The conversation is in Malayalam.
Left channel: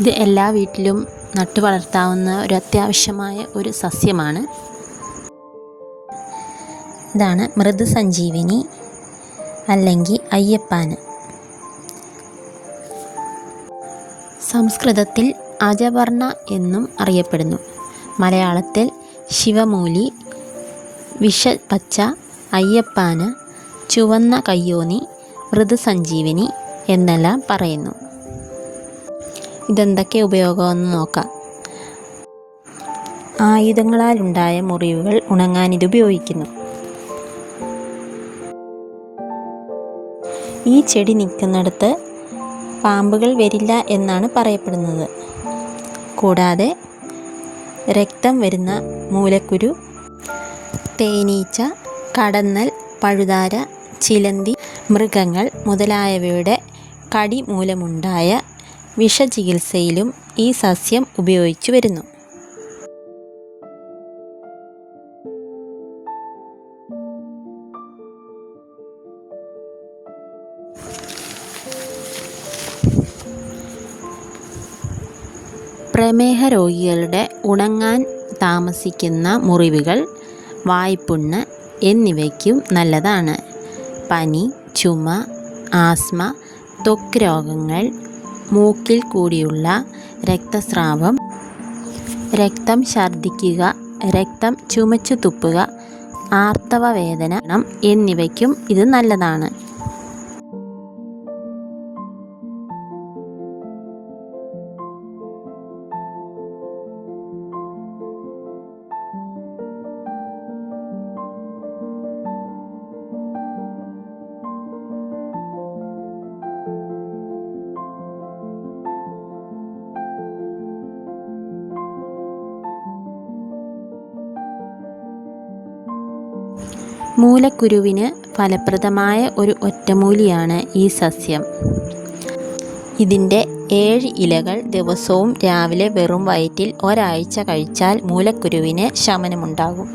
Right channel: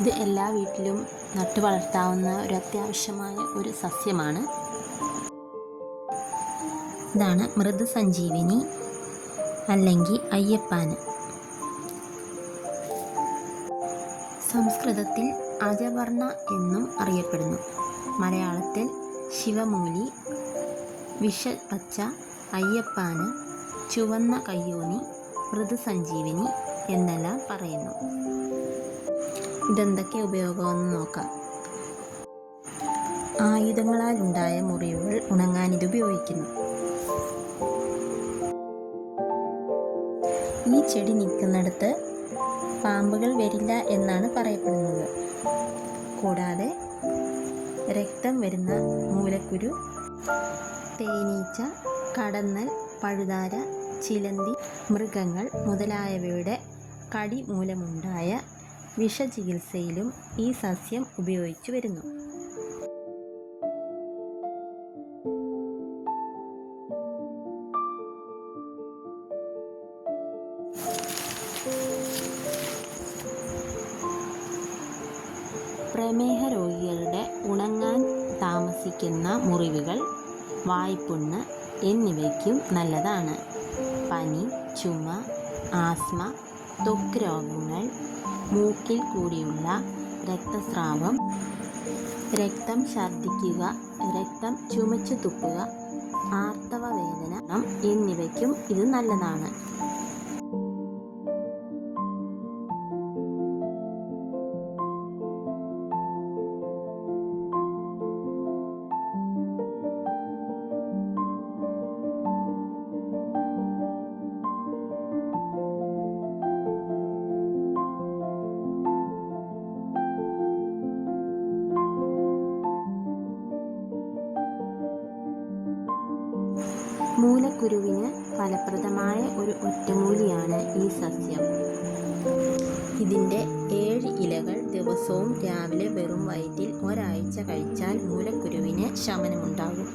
ഇത് എല്ലാ വീട്ടിലും നട്ടു വളർത്താവുന്ന ഒരു അത്യാവശ്യമായ ഒരു സസ്യമാണ്. ഇതാണ് മൃദുസഞ്ജീവിനി അല്ലെങ്കിൽ അയ്യപ്പാന്. സംസ്കൃതത്തിൽ അജവർണ എന്നും അറിയപ്പെടുന്നു. മലയാളത്തിൽ ശിവമൂലി, വിഷപച്ച, അയ്യപ്പാന്, ചുവന്ന കയ്യോന്നി, മൃദുസഞ്ജീവിനി എന്നെല്ലാം പറയുന്നു. ഇതെന്തൊക്കെ ഉപയോഗമെന്ന് നോക്കാം. ആയുധങ്ങളാലുണ്ടായ മുറിവുകൾ ഉണങ്ങാൻ ഇത് ഉപയോഗിക്കുന്നു. ഈ ചെടി നിൽക്കുന്നിടത്ത് പാമ്പുകൾ വരില്ല എന്നാണ് പറയപ്പെടുന്നത്. കൂടാതെ രക്തം വരുന്ന മൂലക്കുരു, തേനീച്ച, കടന്നൽ, പഴുതാര, ചിലന്തി, മൃഗങ്ങൾ മുതലായവയുടെ കടി മൂലമുണ്ടായ വിഷചികിത്സയിലും ഈ സസ്യം ഉപയോഗിച്ചു വരുന്നു. പ്രമേഹ രോഗികളുടെ ഉണങ്ങാൻ താമസിക്കുന്ന മുറിവുകൾ, വായ്പുണ്ണ് എന്നിവയ്ക്കും നല്ലതാണ്. പനി, ചുമ, ആസ്മ, ത്വക്ക് രോഗങ്ങൾ, മൂക്കിൽ കൂടിയുള്ള രക്തസ്രാവം, രക്തം ഛർദ്ദിക്കുക, രക്തം ചുമച്ചു തുപ്പുക, ആർത്തവ വേദന എന്നിവയ്ക്കും ഇത് നല്ലതാണ്. മൂലക്കുരുവിന് ഫലപ്രദമായ ഒരു ഒറ്റമൂലിയാണ് ഈ സസ്യം. ഇതിൻ്റെ 7 ഇലകൾ ദിവസവും രാവിലെ വെറും വയറ്റിൽ ഒരാഴ്ച കഴിച്ചാൽ മൂലക്കുരുവിന് ശമനമുണ്ടാകും.